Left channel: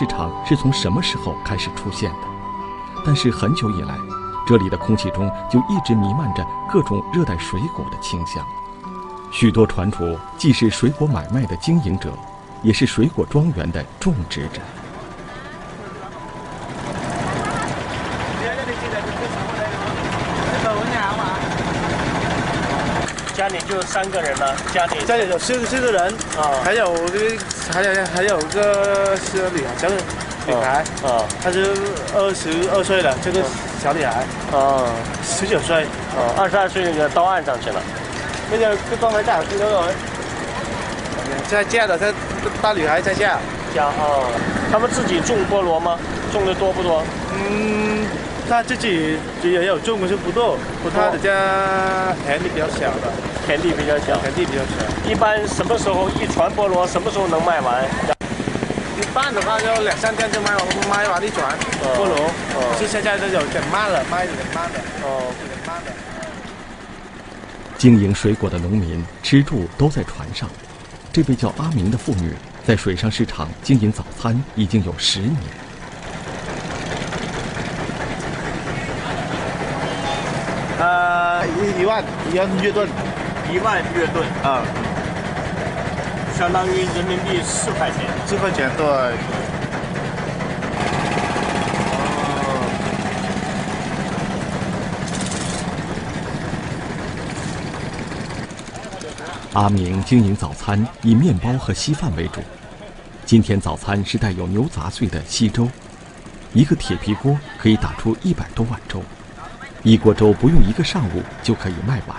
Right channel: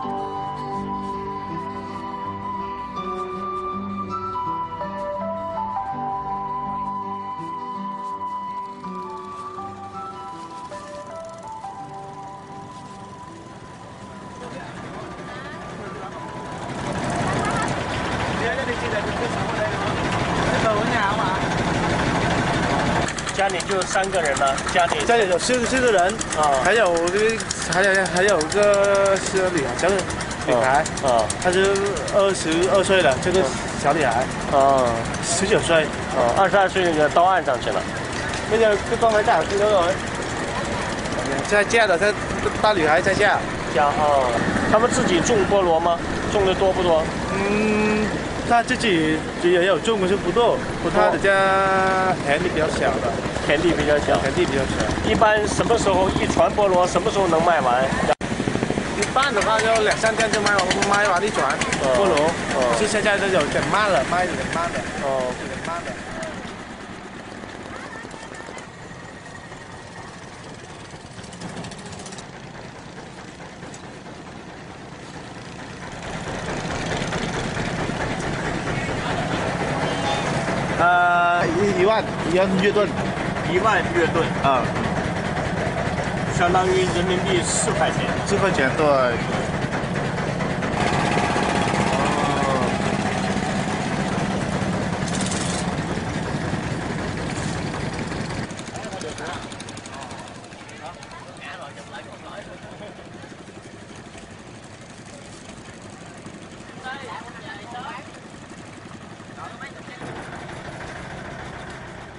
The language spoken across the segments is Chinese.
市场是从什么时候开始出现的，但是很久以来，这里的空气中就一直弥漫着各种热带水果的清香。许多船主既是水果买卖的经营者，也是水果庄园的种植者。家里就3个人了，家里有四个人啊，还有个是女孩，小女孩啊，她是22岁了，这个小女孩啊，19岁22岁那个到岸上去了，那个刚才在嫁的，这大女孩在嫁哦，他们自己种菠萝吗？种的多不多？他自己也有种，可是不多，他的家田地比较小的，田地比较小。一般什么时候一船菠萝什么时候能卖完？一般的话就2、3天就卖完一船菠萝，是现在都有点慢了，卖的慢了，有点慢了。经营水果的农民吃住都在船上。这位叫阿明的妇女在水上市场经营早餐已经有10年。1万月盾，1万月盾啊，相当于人民币4块钱。4块钱，对。阿明经营早餐以面包和稀饭为主。今天早餐是带有牛杂碎的稀粥，一个铁皮锅可以打出100多碗粥。一锅粥不用1个上午就可以卖完。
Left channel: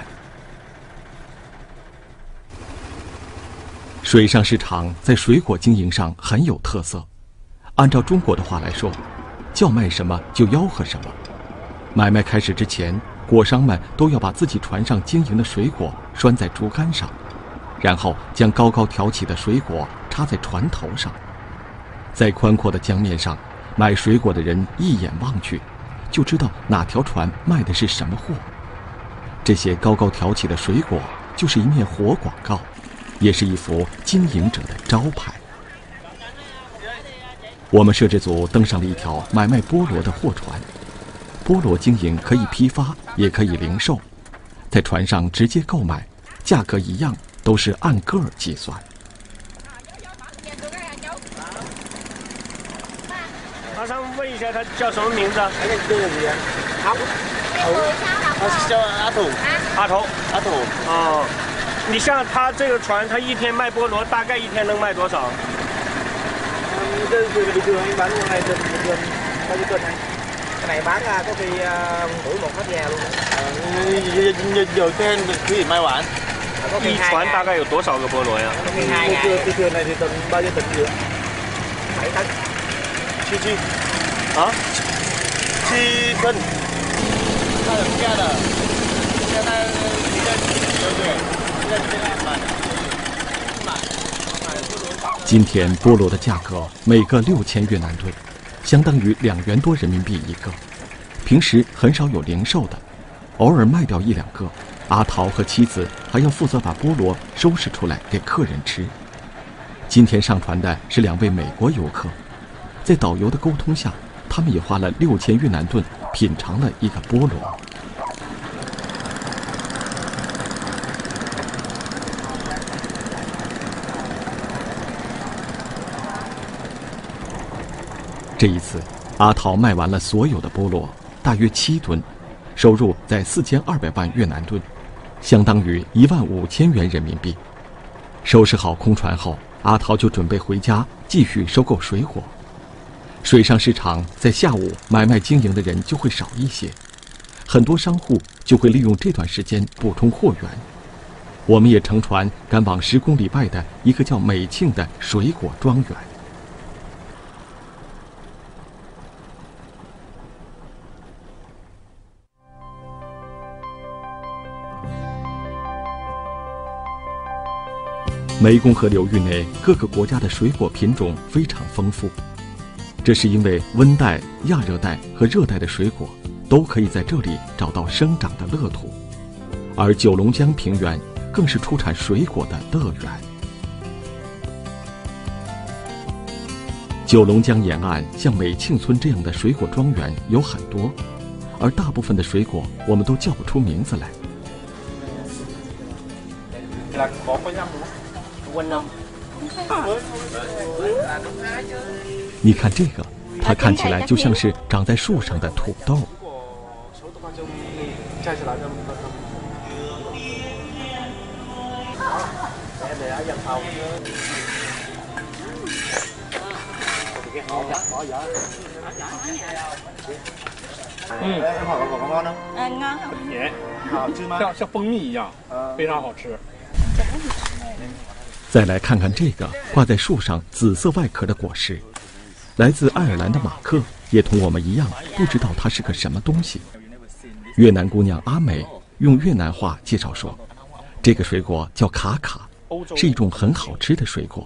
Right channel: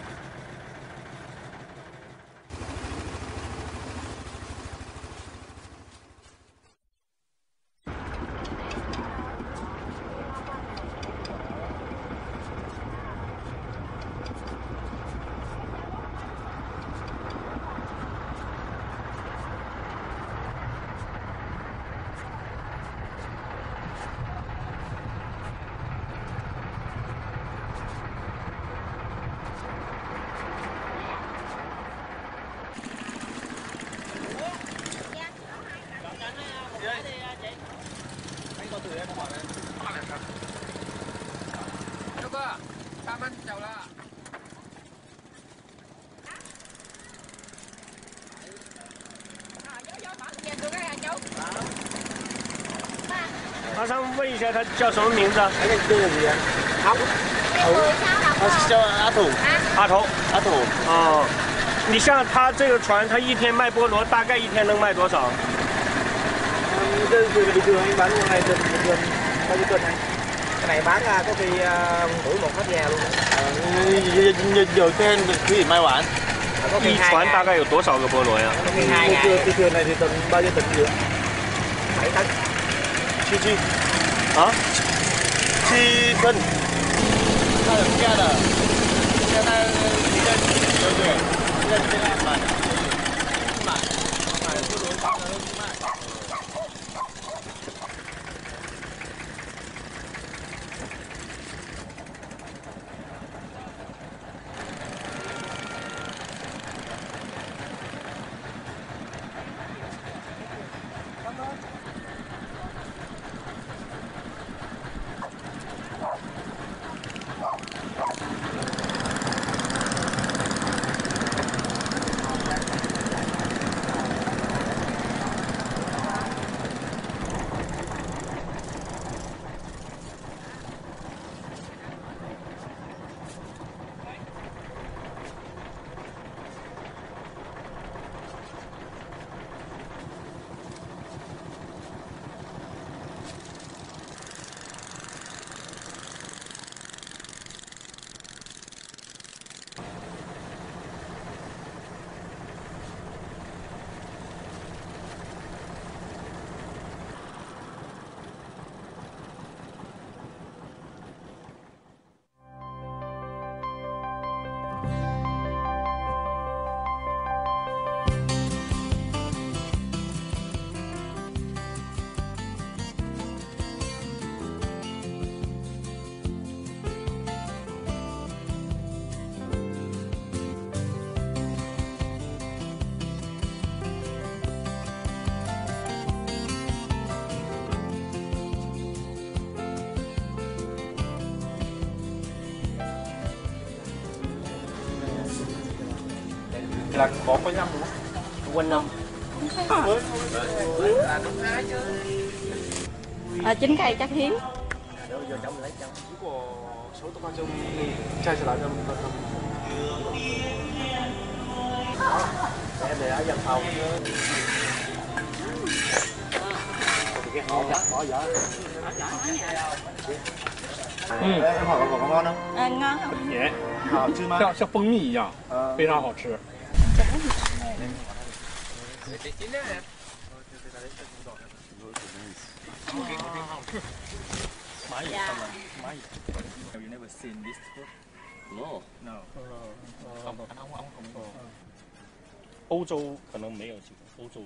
水上市场在水果经营上很有特色。按照中国的话来说，叫卖什么就吆喝什么。买卖开始之前，果商们都要把自己船上经营的水果拴在竹竿上，然后将高高挑起的水果插在船头上。在宽阔的江面上，买水果的人一眼望去，就知道哪条船卖的是什么货。这些高高挑起的水果就是一面活广告，也是一幅经营者的招牌。我们摄制组登上了一条买卖菠萝的货船。菠萝经营可以批发，也可以零售，在船上直接购买，价格一样，都是按个儿计算。马上问一下他叫什么名字？他是叫阿土。阿土。哦，你像他这个船，他一天卖菠萝，大概一天能卖多少？这个bình thường anh bán một ngày bình thường bao nhiêu cân này? Cái này bán có khi mỗi một hết nhà luôn. Nhiều trên可以卖完。一船大概有多少个菠萝呀？cái thuyền này thì tầm bao nhiêu tấn nữa? 7 tấn. 7啊？7吨。他有价的，现在对，现在这样今天菠萝的价格每个6000越南盾，相当于2元多人民币一个。平时很少有零售的，偶尔卖掉1、2个。阿桃和妻子还要负责把菠萝收拾出来给客人吃。今天上船的是2位美国游客，在导游的沟通下，他们也花了6000越南盾品尝了一个菠萝。这一次，阿桃卖完了所有的菠萝，大约7吨，收入在4200万越南盾，相当于15000元人民币。收拾好空船后，阿桃就准备回家继续收购水果。水上市场在下午买卖经营的人就会少一些，很多商户就会利用这段时间补充货源。我们也乘船赶往10公里外的一个叫美庆的水果庄园。湄公河流域内各个国家的水果品种非常丰富，这是因为温带、亚热带和热带的水果都可以在这里找到生长的乐土，而九龙江平原更是出产水果的乐园。九龙江沿岸像美庆村这样的水果庄园有很多，而大部分的水果我们都叫不出名字来。你看这个，它看起来就像是长在树上的土豆。ngon không? Ngon không? 甜，好吃吗？像蜂蜜一样，非常好吃。再来看看这个挂在树上紫色外壳的果实，来自爱尔兰的马克也同我们一样不知道它是个什么东西。越南姑娘阿美用越南话介绍说，这个水果叫卡卡，是一种很好吃的水果，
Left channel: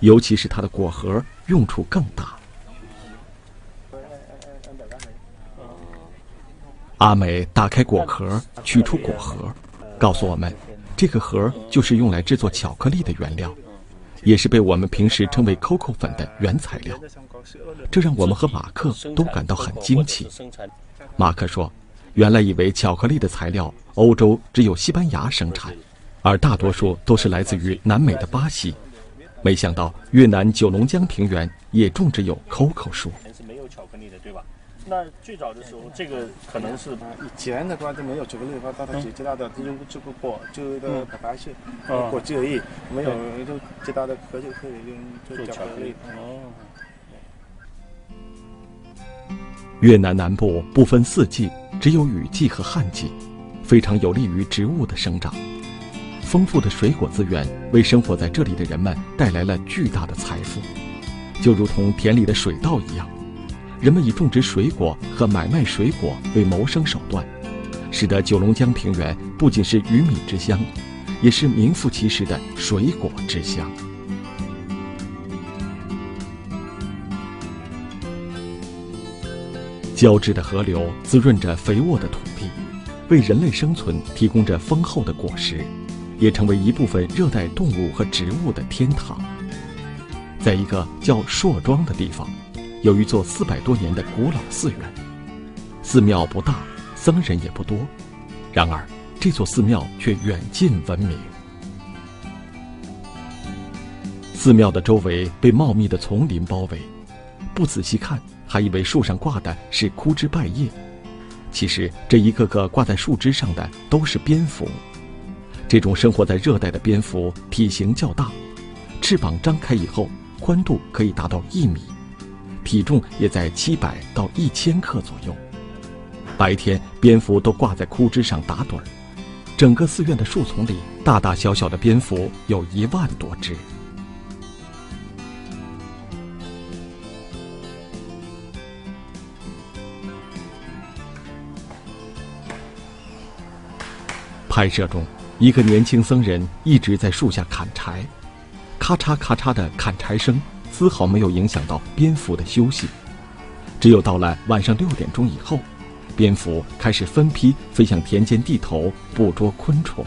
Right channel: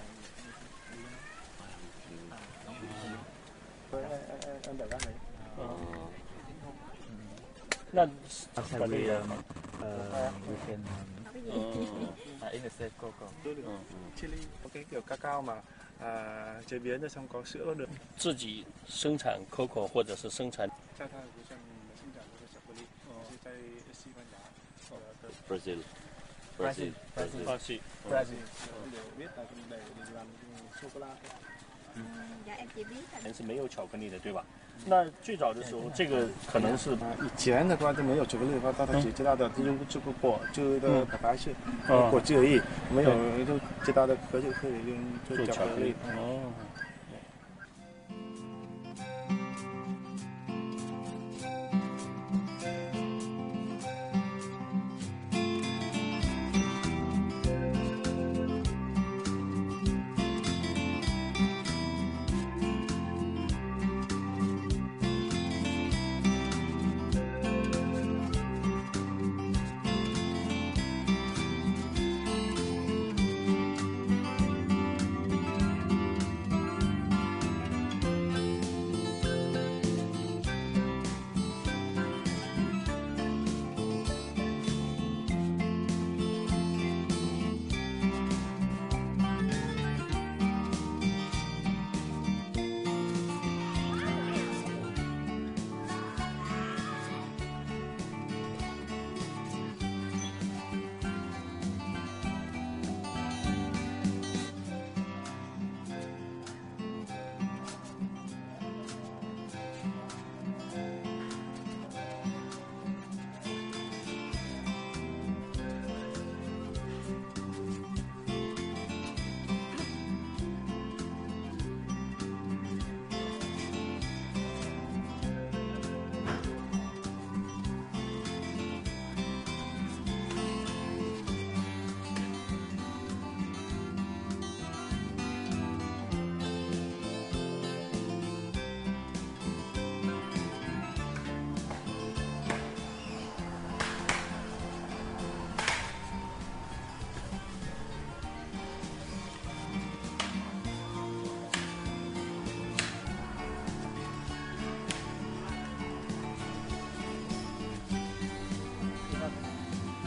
尤其是它的果核用处更大。阿美打开果壳，取出果核，告诉我们，这个核就是用来制作巧克力的原料，也是被我们平时称为 COCO 粉的原材料。这让我们和马克都感到很惊奇。马克说，原来以为巧克力的材料欧洲只有西班牙生产，而大多数都是来自于南美的巴西。没想到越南九龙江平原也种植有 COCO 树。是没有巧克力的，对吧？那最早的时候，这个可能是以前的话就没有巧克力的话，他只知道的用这个果，就的白白色果汁而已，没有就知道的壳就可以用做巧克力。越南南部不分四季，只有雨季和旱季，非常有利于植物的生长。丰富的水果资源为生活在这里的人们带来了巨大的财富，就如同田里的水稻一样。人们以种植水果和买卖水果为谋生手段，使得九龙江平原不仅是鱼米之乡，也是名副其实的水果之乡。交织的河流滋润着肥沃的土地，为人类生存提供着丰厚的果实，也成为一部分热带动物和植物的天堂。在一个叫朔庄的地方，有一座400多年的古老寺院，寺庙不大，僧人也不多，然而这座寺庙却远近闻名。寺庙的周围被茂密的丛林包围，不仔细看还以为树上挂的是枯枝败叶，其实这一个个挂在树枝上的都是蝙蝠。这种生活在热带的蝙蝠体型较大，翅膀张开以后宽度可以达到1米，体重也在700到1000克左右。白天，蝙蝠都挂在枯枝上打盹儿。整个寺院的树丛里，大大小小的蝙蝠有1万多只。拍摄中，一个年轻僧人一直在树下砍柴，咔嚓咔嚓的砍柴声丝毫没有影响到蝙蝠的休息。只有到了晚上6点钟以后，蝙蝠开始分批飞向田间地头捕捉昆虫。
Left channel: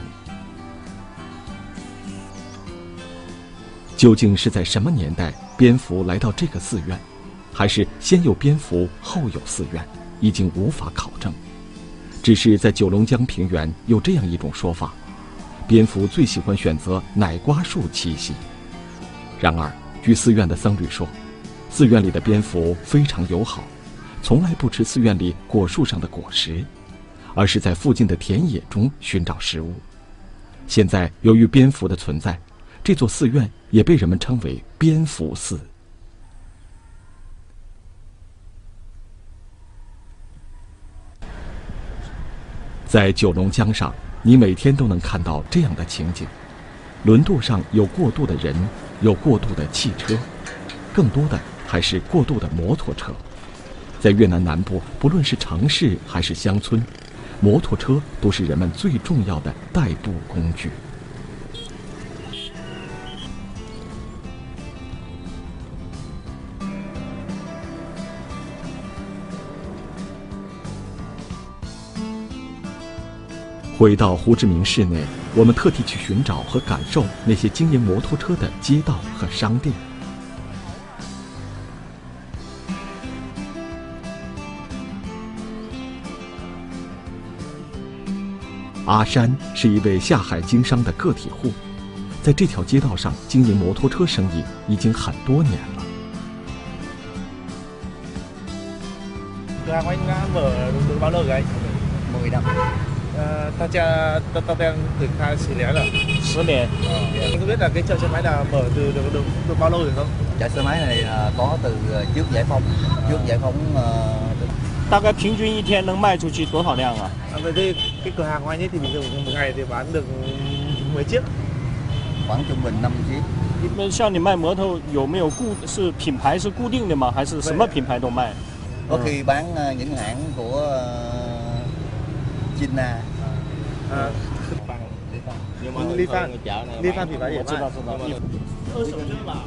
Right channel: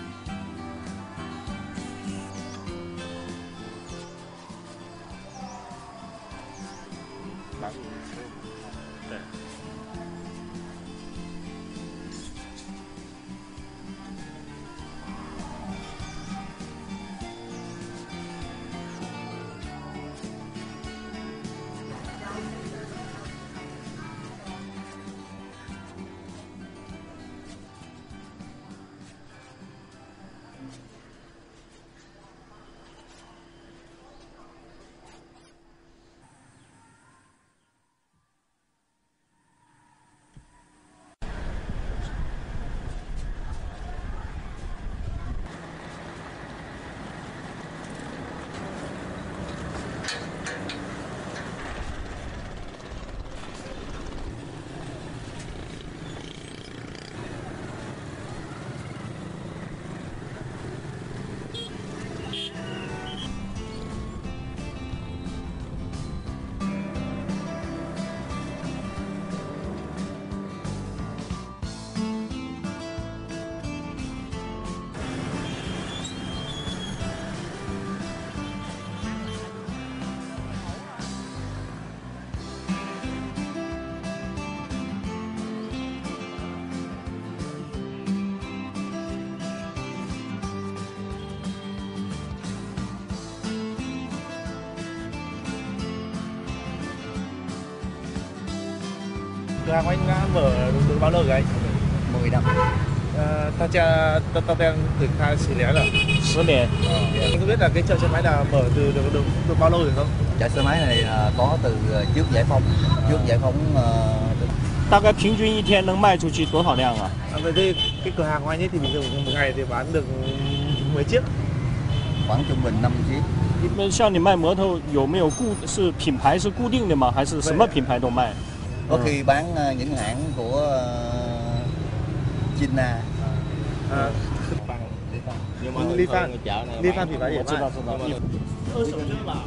究竟是在什么年代蝙蝠来到这个寺院，还是先有蝙蝠后有寺院，已经无法考证。只是在九龙江平原有这样一种说法，蝙蝠最喜欢选择奶瓜树栖息。然而据寺院的僧侣说，寺院里的蝙蝠非常友好，从来不吃寺院里果树上的果实，而是在附近的田野中寻找食物。现在由于蝙蝠的存在，这座寺院也被人们称为蝙蝠寺。在九龙江上，你每天都能看到这样的情景：轮渡上有过渡的人，有过渡的汽车，更多的还是过渡的摩托车。在越南南部，不论是城市还是乡村，摩托车都是人们最重要的代步工具。回到胡志明市内，我们特地去寻找和感受那些经营摩托车的街道和商店。阿山是一位下海经商的个体户，在这条街道上经营摩托车生意已经很多年了。cửa hàng của anh mở được bao lâu rồi anh? 10 năm. 大家都đang từ khai xử lý rồi. 10年。Anh có biết là cái chợ xe máy là mở từ được bao lâu rồi không? Chợ xe máy này có từ trước giải phóng. Trước giải phóng 大概平均一天能卖出去多少辆啊？ Vậy thì cái cửa hàng của anh ấy thì bình thường một ngày thì bán được 10 chiếc. khoảng trung bình 5 chiếc. 那像你卖摩托有没有是品牌是固定的吗？还是什么品牌都卖？ Có khi bán những hãng của China. Li Fan品牌也卖。二手车吧。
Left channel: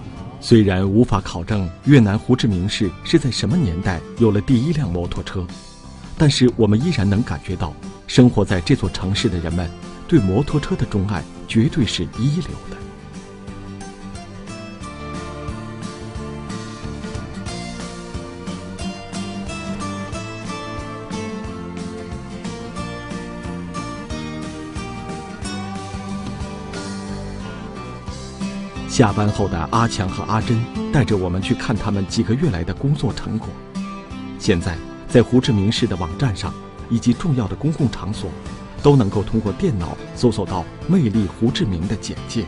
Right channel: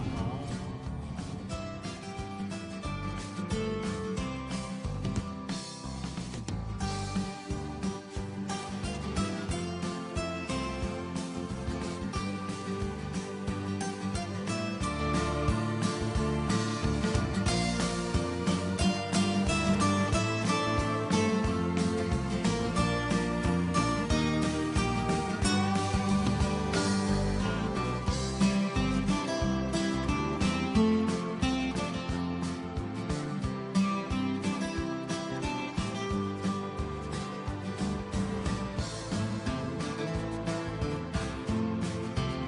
虽然无法考证越南胡志明市是在什么年代有了第一辆摩托车，但是我们依然能感觉到，生活在这座城市的人们对摩托车的钟爱绝对是一流的。下班后的阿强和阿珍带着我们去看他们几个月来的工作成果。现在，在胡志明市的网站上以及重要的公共场所，都能够通过电脑搜索到“魅力胡志明”的简介。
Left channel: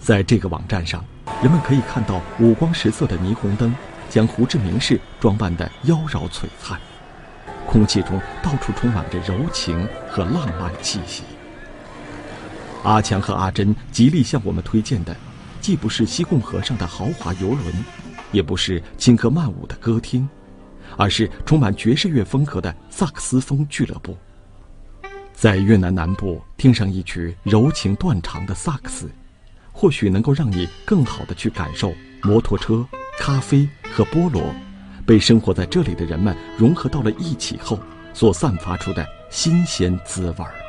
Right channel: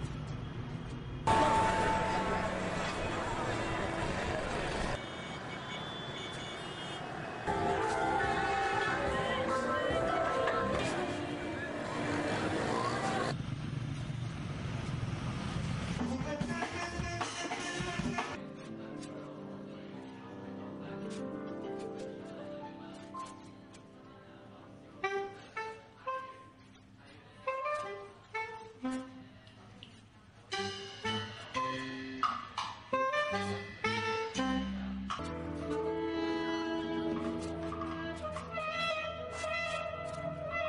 在这个网站上，人们可以看到五光十色的霓虹灯将胡志明市装扮得妖娆璀璨。 空气中到处充满着柔情和浪漫气息。阿强和阿珍极力向我们推荐的，既不是西贡河上的豪华游轮，也不是轻歌曼舞的歌厅，而是充满爵士乐风格的萨克斯风俱乐部。在越南南部听上一曲柔情断肠的萨克斯，或许能够让你更好地去感受摩托车、咖啡和菠萝。 被生活在这里的人们融合到了一起后，所散发出的新鲜滋味儿。